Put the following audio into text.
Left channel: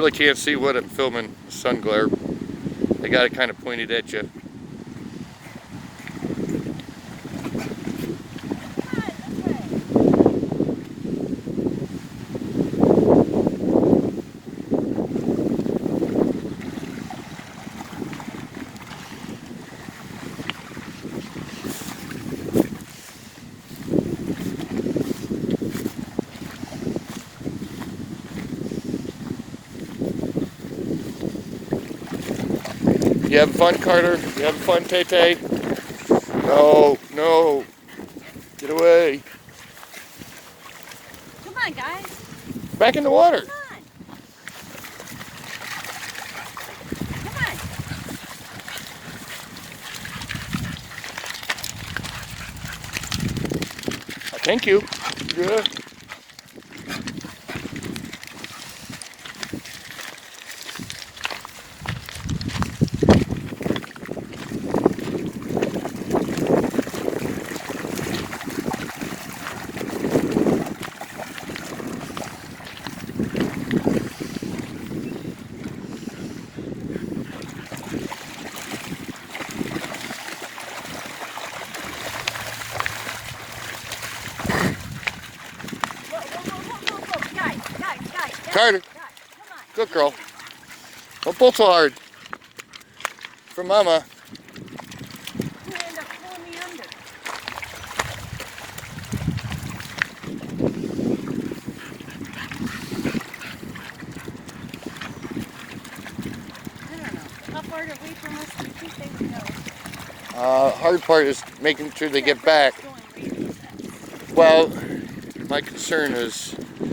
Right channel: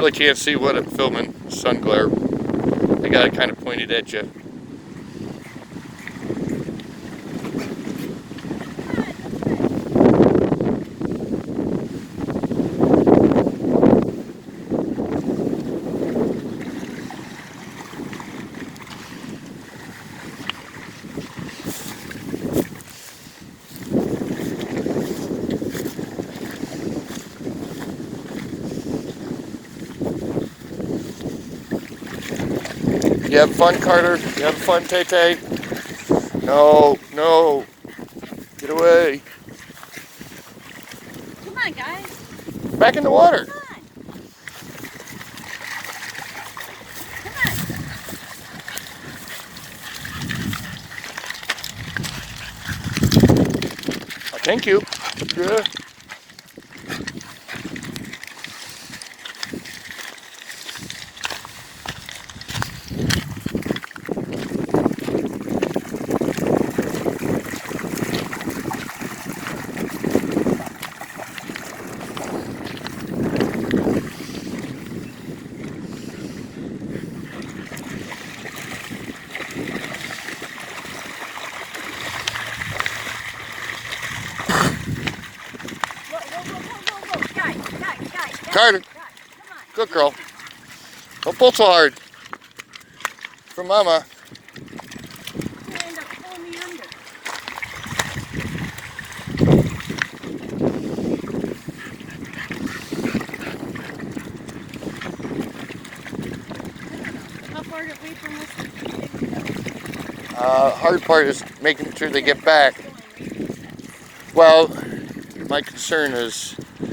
really can't see what it's filming. Sun glare. I got it kind of pointed at you. You have fun, Carter? You have fun, Tay-Tay? No, no. Get away. Come on, guys. Back in the water. Come on. Thank you. Yeah. Carter, good girl. Don't pull so hard. For Mama. Hard part is making sure they get back. Well, my concern is